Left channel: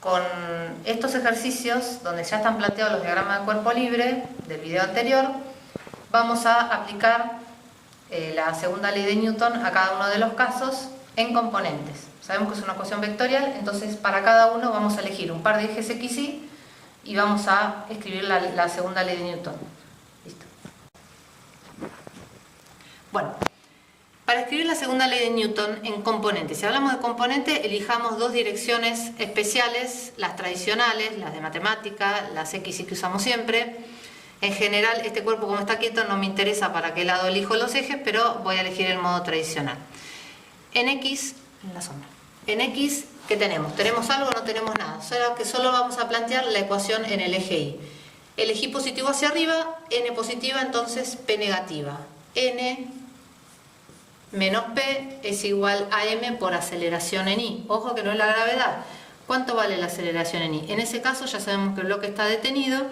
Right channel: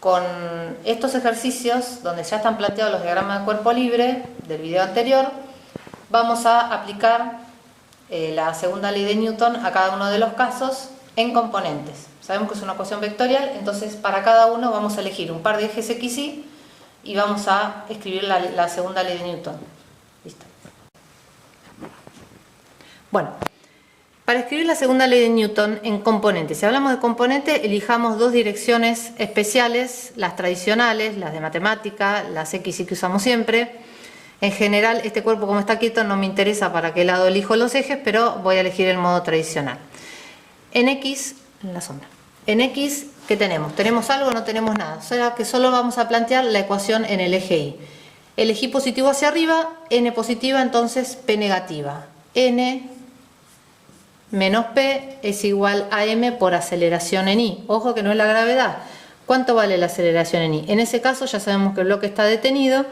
con estos ejercicios, donde ya están planteados los diagramas de cuerpo libre del video anterior, vamos a aplicar la segunda ley de Newton a cada uno de los casos en componentes. Sabemos que es una ecuación vectorial, entonces para cada uno vamos a elegir un par de ejes x, y vamos a escribir la segunda ley de Newton. Listo. Bueno, para escribir la segunda ley de Newton en componentes, si hablamos de componente, elijamos dos direcciones especiales, las tradicionales, las de matemática, las x que usamos siempre. En general, este cuerpo como está quieto no me interesa para qué lado elijo los ejes, pero voy a elegir el modo tradicional. En x, en la sombra. En x, ¿qué tenemos? ¿Tenemos algo o no tenemos nada? O sea que solo vamos a plantear la ecuación en el eje y. Elegí positivo hacia arriba, n positiva, entonces p negativa. N menos p es igual a m por aceleración en i. Ojo que no es la gravedad. ¿Cuánto vale la aceleración en i? En ese caso ya sabemos que el bloque está detenido,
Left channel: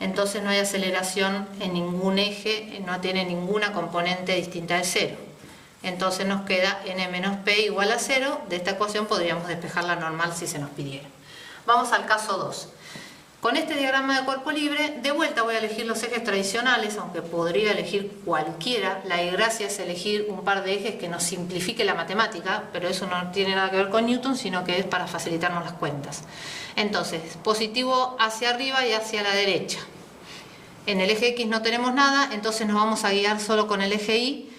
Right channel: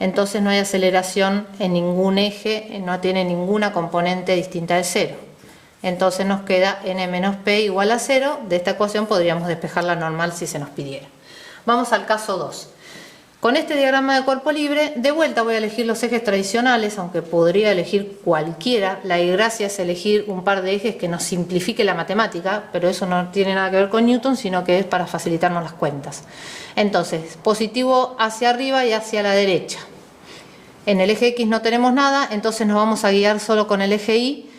entonces no hay aceleración en ningún eje, no tiene ninguna componente distinta de 0. Entonces nos queda n menos p igual a 0. De esta ecuación podríamos despejarla normal si se nos pidiera. Vamos al caso 2. Con este diagrama de cuerpo libre, de vuelta voy a elegir los ejes tradicionales, aunque podría elegir cualquiera. La gracia es elegir un par de ejes que nos simplifique la matemática, pero eso no tiene nada que ver con Newton, sino que es para facilitarnos las cuentas. Entonces, positivo hacia arriba y hacia la derecha. En el eje X no tenemos nada, entonces nos vamos a guiar solo con el eje Y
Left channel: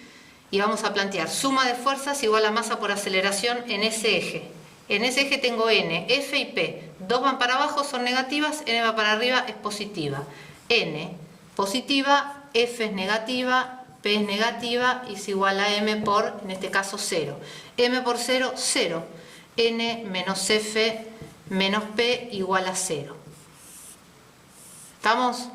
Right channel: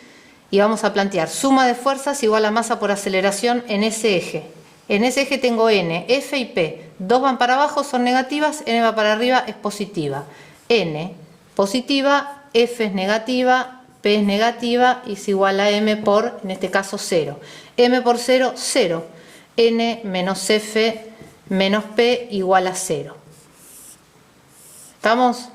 y vamos a plantear suma de fuerzas igual a masa por aceleración en ese eje. En ese eje tengo N, F y P. Dos van para abajo, son negativas, N va para arriba, es positiva. N positiva, F es negativa, P es negativa y es igual a M por, en este caso, 0. M por 0, 0. N menos F menos P igual a 0. ¿Estamos?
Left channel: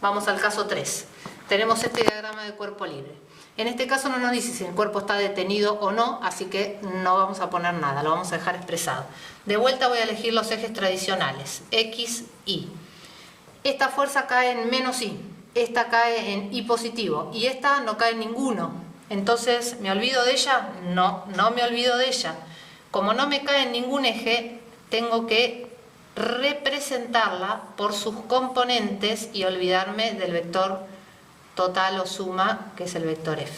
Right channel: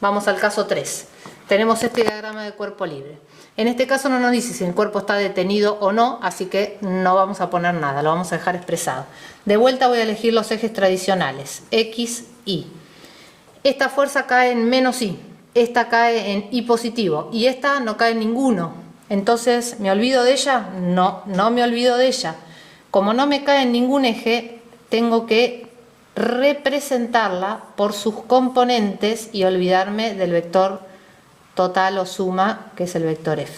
Vamos al caso 3. Tenemos este diagrama de cuerpo libre. En este caso no nos dice si el cuerpo está detenido o no, así que no vamos a poner nada, lo vamos a dejar expresado. De vuelta voy a elegir los ejes tradicionales, X, Y. Esta fuerza cae en menos Y, esta cae en Y positivo y esta no cae en ninguno. Entonces, ¿me olvido de ella? No, no me olvido de ella. Como no me cae en ningún eje, tengo que representarla por sus componentes y olvidarme del vector total o suma, que es el vector F.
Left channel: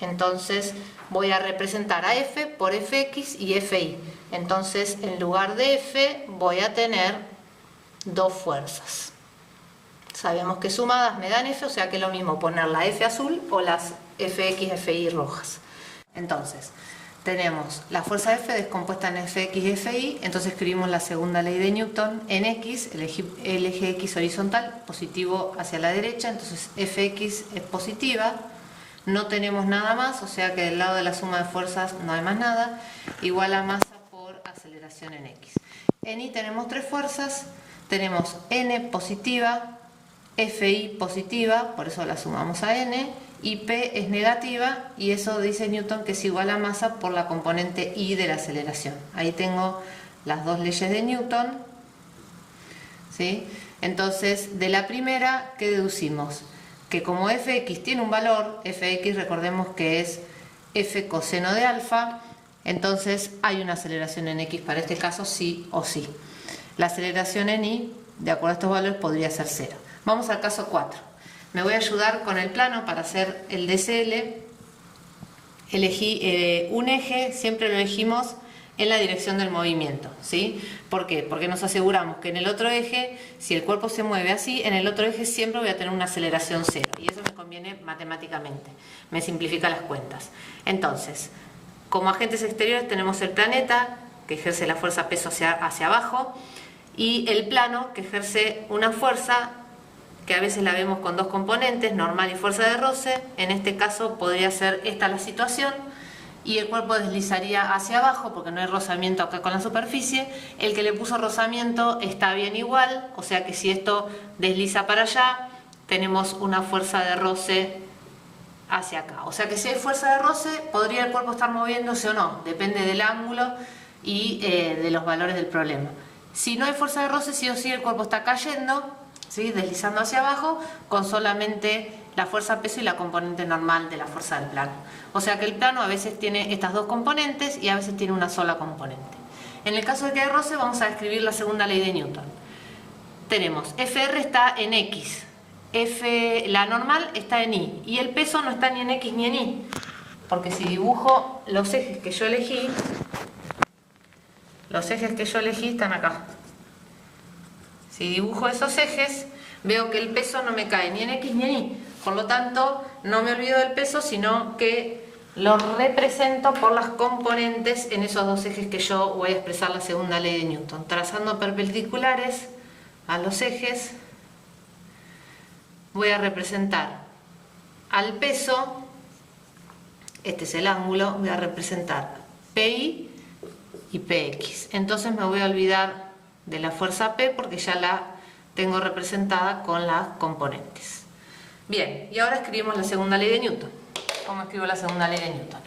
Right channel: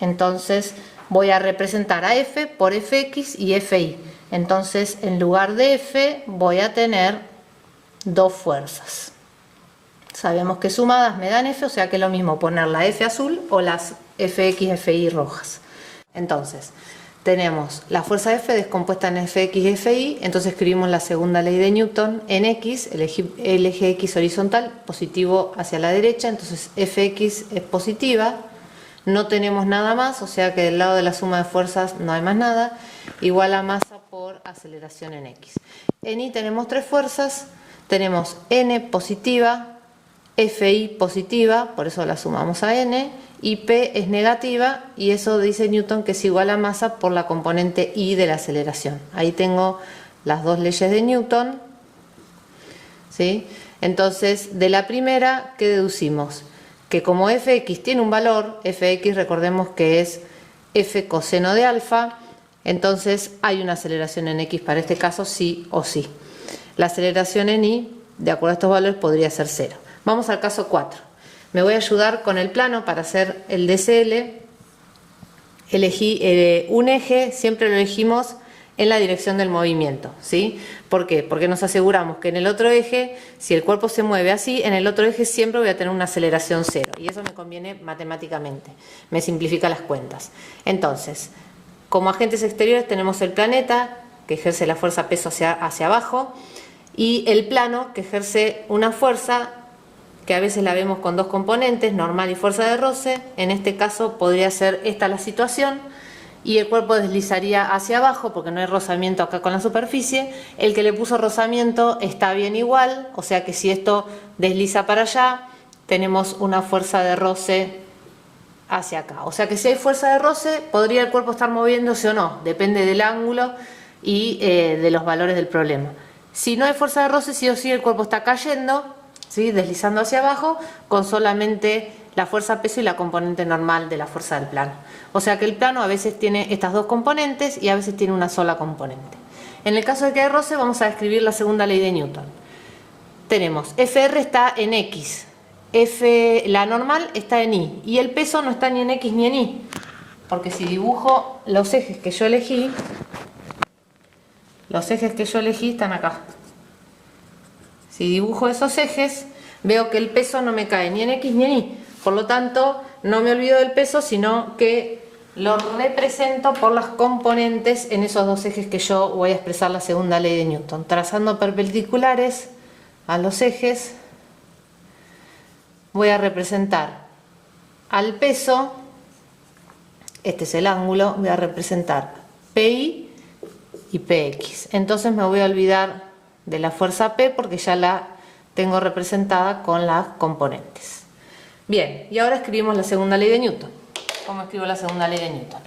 Entonces voy a representar a F por Fx y Fi. Entonces en lugar de F voy a tener dos fuerzas. Sabemos que sumadas me dan F, o sea que es lo mismo poner la F azul o las Fx, Fi rojas. Entonces tenemos la fuerza F descompuesta en Fx y Fi, entonces escribimos la segunda ley de Newton en X, el eje X horizontal, positivo hacia la derecha, entonces Fx es positiva, no tenemos nada más, o sea que del lado de la suma de fuerzas no hay más nada, igual a masa por aceleración en X. En Y tenemos tres fuerzas, tenemos N positiva, Fi positiva, por eso la sumamos a N, y P es negativa y eso dice Newton que es igual a masa por la componente I de la aceleración. Ahí tengo las dos leyes de Newton, ¿sí? Entonces, de la primera, ¿qué deducimos? Que como Fx tiene un valor, Fx recordemos que es F coseno de alfa, entonces hay una aceleración en X para este caso sí o sí. La aceleración en Y, de acuerdo a estos valores, podría ser 0. Vamos al caso 4. Me voy a ayudar con el plano para hacer el DCL. Elegí un eje, siempre lo elegimos en la dirección del movimiento, ¿sí? ¿Por qué? Porque nos aseguramos que en el otro eje, si el cuerpo se mueve así, en el otro eje siempre voy a tener una aceleración 0. Y eso me conviene matemáticamente, me simplifica las cuentas. Entonces, como agentes exteriores tenemos el planeta, que ejerce la fuerza peso hacia abajo, y el plano, que ejerce una fuerza que a veces la vemos con dos componentes, normal y fuerza de roce. En este caso podría ser esta la situación y el cuerpo deslizaría hacia abajo porque no hay rozamiento acá con la superficie. El que le puso rozamiento está bien igual, o sea que si esto desliza para allá tenemos una fuerza de roce hacia acá. O sea que si hay fuerza de roce podría el cuerpo estar moviéndose o no, depende del ángulo y de los valores del problema. Si no hay fuerza de roce, sí o sí el cuerpo está cayendo, ¿sí? Deslizando hacia abajo con solamente la fuerza peso y la componente normal de la fuerza del plano. O sea que el plano a veces tiene estas dos componentes y a veces tiene una sola componente. En el caso de que haya roce, vamos a escribir la segunda ley de Newton. Tenemos FR está en X, la normal está en Y, y el peso no está ni en X ni en Y, porque si dibujo los ejes que yo elegí, están acá. Si dibujo esos ejes, veo que el peso no me cae ni en X ni en Y. Por lo tanto, no me olvido del peso, sino que lo represento por las componentes en esos dos ejes que yo voy a expresar la segunda ley de Newton. Trazando perpendiculares a los ejes, voy a representar al peso, este es el ángulo, voy a representar PI y PX. Entonces me voy a olvidar de la fuerza P porque ya la tengo representada con las componentes. Bien, y ahora escribimos la segunda ley de Newton. ¿Cómo escribo la segunda ley de Newton?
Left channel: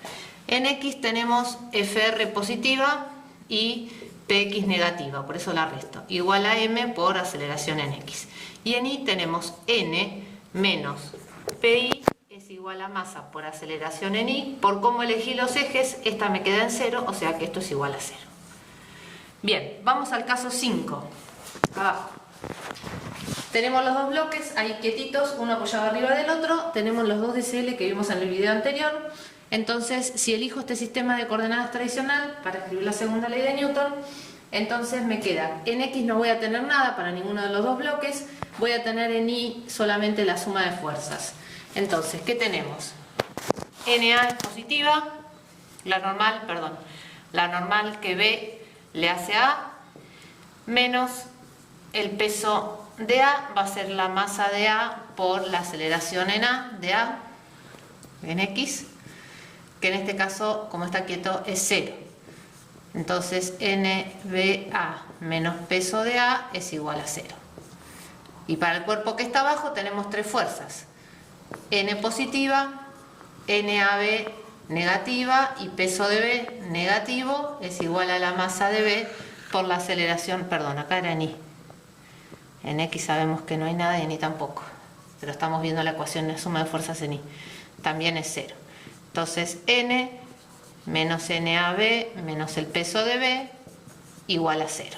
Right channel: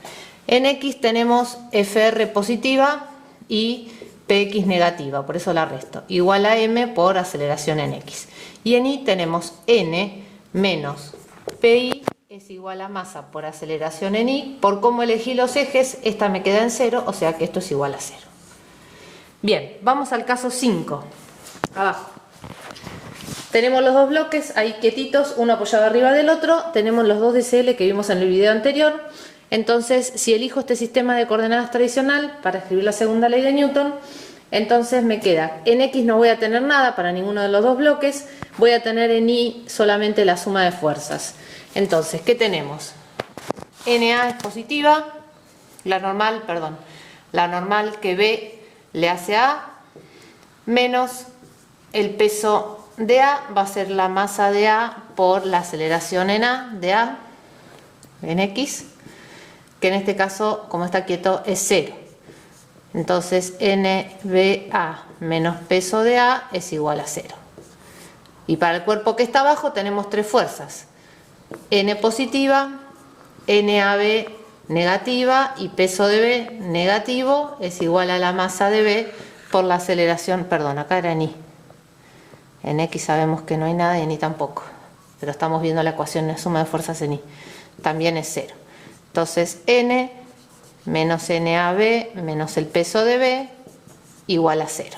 En X tenemos FR positiva y PX negativa, por eso la resto, igual a M por aceleración en X. Y en Y tenemos N menos PI es igual a masa por aceleración en Y. Por cómo elegí los ejes, esta me queda en 0, o sea que esto es igual a 0. Bien, vamos al caso 5. Abajo. Tenemos los dos bloques ahí quietitos, uno apoyado arriba del otro. Tenemos los dos DCL que vimos en el video anterior. Entonces, si elijo este sistema de coordenadas tradicional para escribir la segunda ley de Newton, entonces me queda, en X no voy a tener nada para ninguno de los dos bloques, voy a tener en Y solamente la suma de fuerzas. Entonces, ¿qué tenemos? NA es positiva, la normal que B le hace a A, menos el peso de A va a ser la masa de A por la aceleración en A de A en X, que en este caso, como está quieto, es 0. Entonces NBA menos peso de A es igual a 0. Y para el cuerpo que está abajo tenemos tres fuerzas: N positiva, NAB negativa y peso de B negativo es igual a la masa de B por la aceleración, perdón, acá era en Y. En X sabemos que no hay nada y en Y tampoco, pero estamos viendo la ecuación de suma de fuerzas en Y. También es 0. Entonces N menos NAB menos el peso de B igual a 0.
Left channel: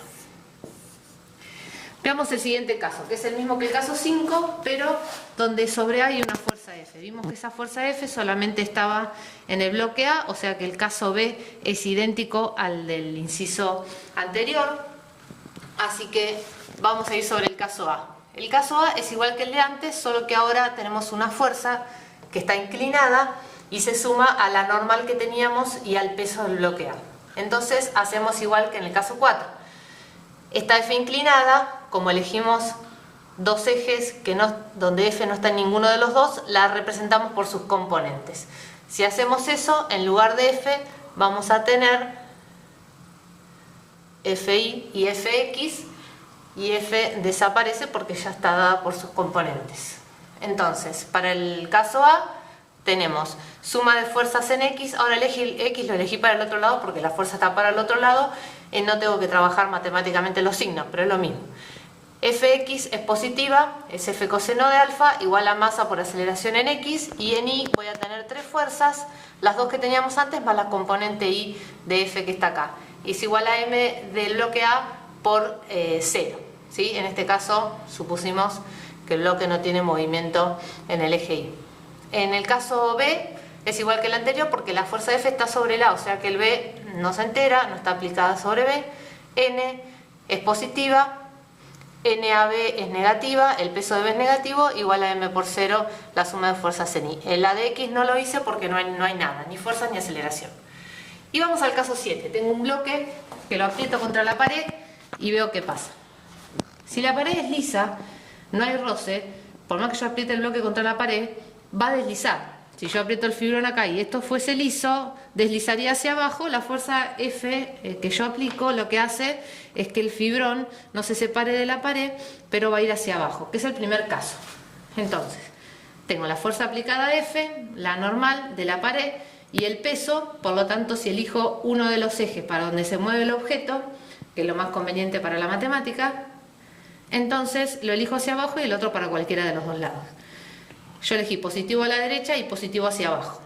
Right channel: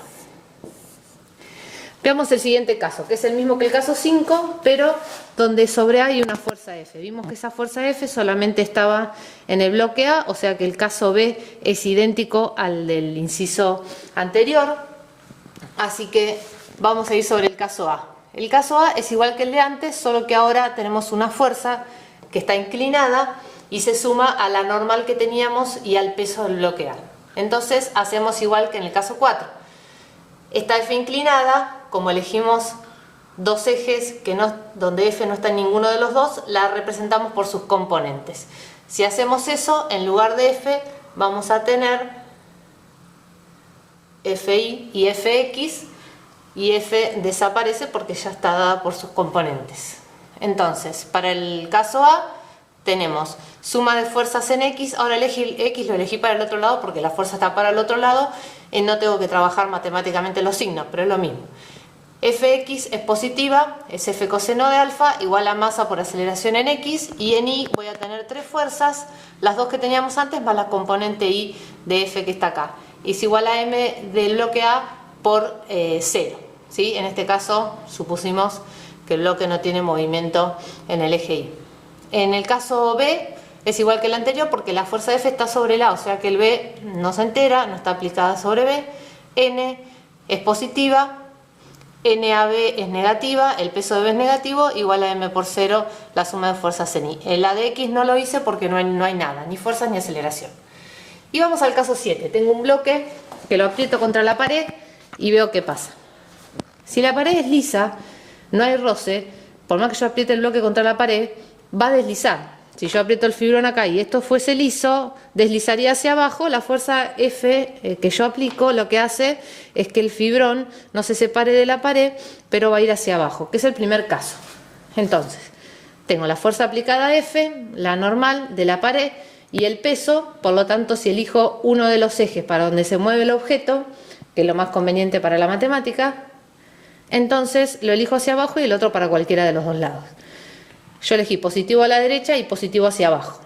Veamos el siguiente caso, que es el mismo que el caso 5, pero donde sobre A hay una fuerza F. Vimos que esa fuerza F solamente estaba en el bloque A, o sea que el caso B es idéntico al del inciso anterior. Así que vamos a ir sobre el caso A. El caso A es igual que el de antes, solo que ahora tenemos una fuerza que está inclinada y se suma a la normal que teníamos y al peso del bloque A. Entonces hacemos igual que en el caso 4. Esta F inclinada, como elegimos dos ejes donde F no está en ninguno de los dos, la representamos por sus componentes. Si hacemos eso, en lugar de F vamos a tener FI y FX, y F desaparece porque ya está dada por sus componentes. Entonces, para el caso A tenemos suma de fuerzas en X. Ahora X lo elegí para el otro lado porque la fuerza está para el otro lado y no tengo que trabajar matemáticamente los signos, pero es lo mismo. Fx es positiva, es F coseno de alfa igual a masa por aceleración en X, y en Y voy a tener tres fuerzas, las dos que teníamos antes más la componente Y de F que está acá. Y es igual a M del bloque A por 0. ¿Sí? En este caso supusimos que el bloque no tiene movimiento en el eje Y. En el caso B es igual que el anterior porque la fuerza F está sobre el A, o sea que el B no se entera, no está aplicada sobre B. N es positiva, NAB es negativa, el peso de B es negativo, igual a M por 0 la suma de fuerzas en Y. En la de X no lo hice porque no hay nada, ni fuerzas ni aceleración. Y vamos al caso 7. Tengo un bloque que lo aprieto contra la pared y veo qué pasa. Si la pared es lisa, no hay roce, por más que yo apriete el bloque contra la pared, va a deslizar. Si yo aprieto el fibrón acá y esto fuese liso, deslizaría hacia abajo. La fuerza F que yo aplico lo que hace es que el fibrón no se separe de la pared, pero va a ir hacia abajo, que es el primer caso. Entonces, tengo la fuerza aplicada F, la normal de la pared y el peso. Por lo tanto, si elijo uno de los ejes para donde se mueve el objeto, que es lo más conveniente para la matemática, entonces lo elijo hacia abajo y el otro para cualquiera de los dos lados. Yo elegí positivo a la derecha y positivo hacia abajo.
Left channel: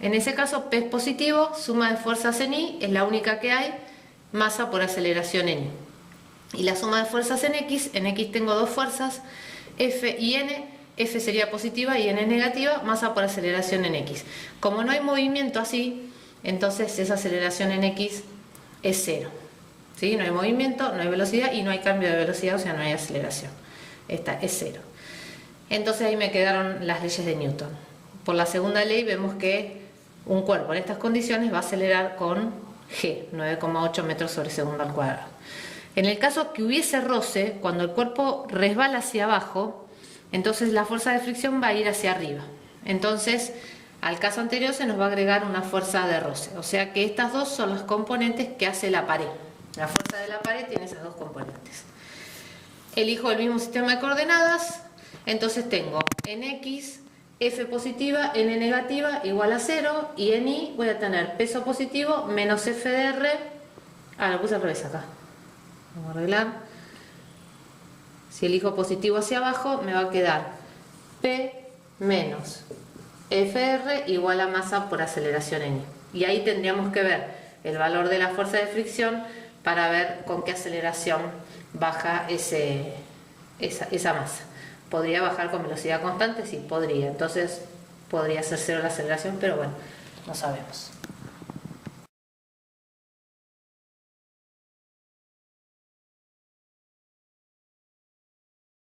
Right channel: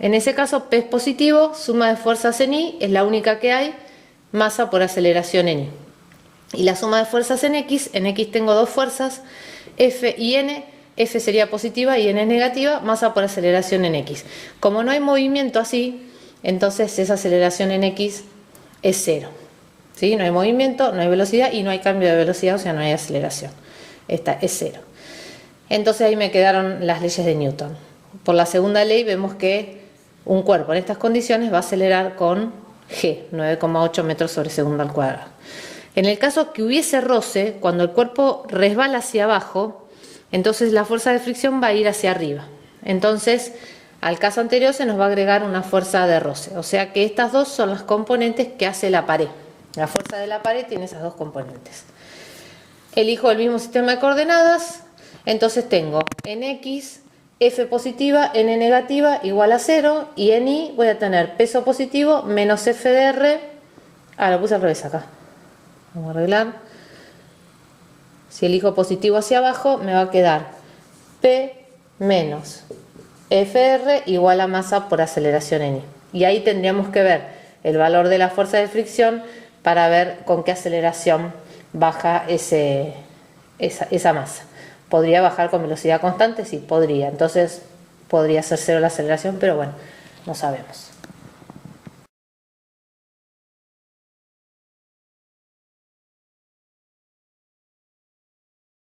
En ese caso P es positivo, suma de fuerzas en Y es la única que hay, masa por aceleración en Y. Y la suma de fuerzas en X tengo dos fuerzas, F y N. F sería positiva y N es negativa, masa por aceleración en X. Como no hay movimiento así, entonces esa aceleración en X es cero. ¿Sí? No hay movimiento, no hay velocidad y no hay cambio de velocidad, o sea, no hay aceleración. Esta es cero. Entonces ahí me quedaron las leyes de Newton. Por la segunda ley vemos que un cuerpo en estas condiciones va a acelerar con G, 9,8 metros sobre segundo al cuadrado. En el caso que hubiese roce, cuando el cuerpo resbala hacia abajo, entonces la fuerza de fricción va a ir hacia arriba. Entonces, al caso anterior se nos va a agregar una fuerza de roce. O sea que estas dos son las componentes que hace la pared. La fuerza de la pared tiene esas dos componentes. Elijo el mismo sistema de coordenadas. Entonces tengo en X, F positiva, N negativa, igual a 0. Y en Y voy a tener peso positivo menos F de R. Ah, lo puse al revés acá. Vamos a arreglar. Si elijo positivo hacia abajo, me va a quedar P menos FR igual a masa por aceleración en Y. Y ahí tendríamos que ver el valor de la fuerza de fricción para ver con qué aceleración baja esa masa. ¿Podría bajar con velocidad constante? Sí, podría. Entonces podría ser cero la aceleración, pero bueno, no sabemos.